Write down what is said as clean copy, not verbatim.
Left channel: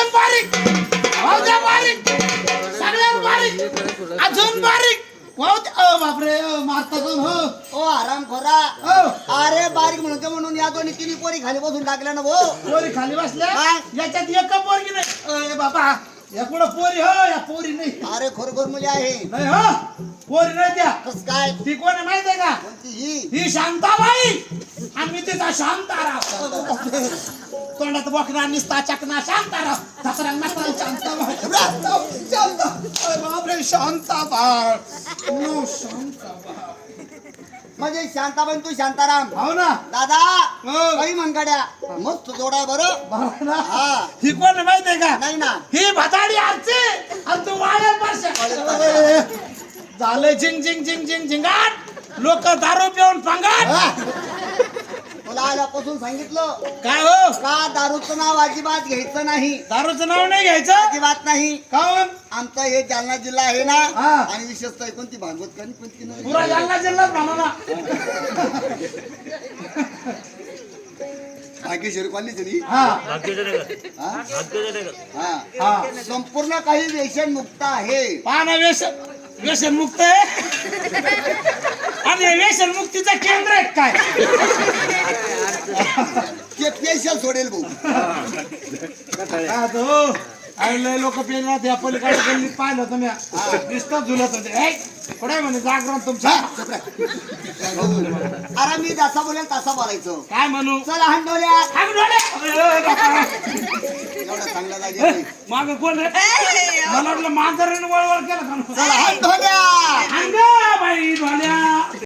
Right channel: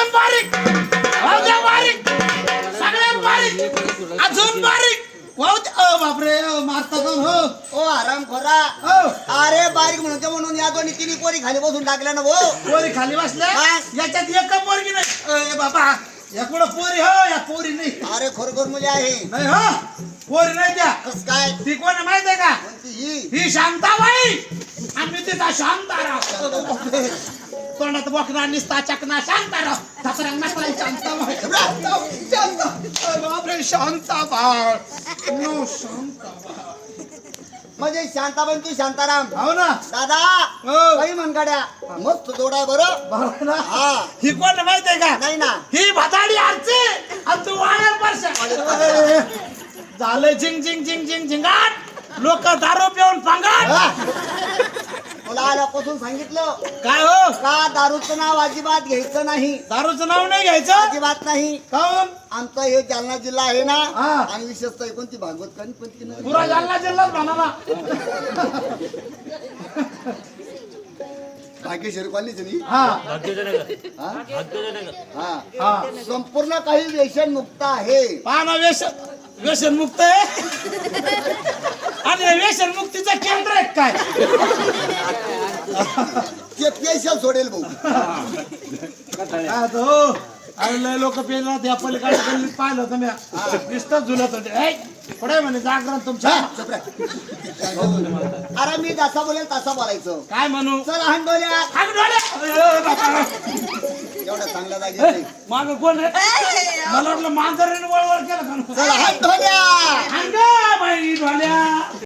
अजून बारीक, वाहू द्या बारीक, सगळ्यात बारीक, अजून बारीक, वाहू द्या. बापरे मारता कोण हो? ओ आराम खोरा. अरे बारीक म्हणून या दोन्ही तिन्ही पोरी खाली बसून टाकल्या ना भाऊ. पोरी खाली बसल्या याच्यात एक पोरगी नाही. बाबा या कुठं पोरी हो? या पोरी नाही. अरे खरोखर मुली आहे. नाही हो पोरी नाही त्या. कस काय? ती कोण आहे माहित आहे का? कोणती ही? ही शांताबाई. आम्ही तिचा शांताराव. तोंडात बोकरा निसता चकना शांताराव. धपरंग मसाला शांताबाई. बापरे शांताबाई. नो शांताबाई. म्हणजे शांताबाई तू शांताराम. हो ना दादा हो. काही मनगाड्या मस्त जोडा बरं. बरोबर ना. हा. ही कोण माहित आहे का? नाही ना. ही भदाडी आरची आणि तू वायर परशा. झालं झिंग झिंग झिंग झिंग झिंगाट. लोक दारू पिऊन पंगाट. तुला आल्यापासून सांगितलं काय हो? का दारूचं नाव अजिबात घ्यायचं नाही. दारूचं नाव नाही घ्यायचं. अजिबात नाही. काऊन? आमचा हे जालना जिल्हा आहे ना. हा. आणि विशेषतः कोणती भागवत कणी कोणती नाही. पुरा जालना जिल्हाच म्हणा ना. भाग्यश्री कॉलनीच नाही. हा हा? हा. हा संपूर्ण काही व्यसन मुक्त आहे. पाना व्यसन मुक्त आहे. आणि हे व्यसन मुक्तीचं केंद्र आहे काय? ते स्पेशल सोडेल भाऊ. काय तो अरे लोक पेला त्या पलीकडे गल्लीत पाहिलं होतं मी. दिसतात झुलत होते. पुढे म्हणे जागरण तुमच्या. अरे मी जसा बोलेल तसा बोलायचं. काय म्हणू? चला हंडोल्या. एवढा चांगला जागे. माग कोण आहे? मला वाटलं मांजरीने वळवळ केलं का? चला हंडोल्या. अंग बाई ढोल्या.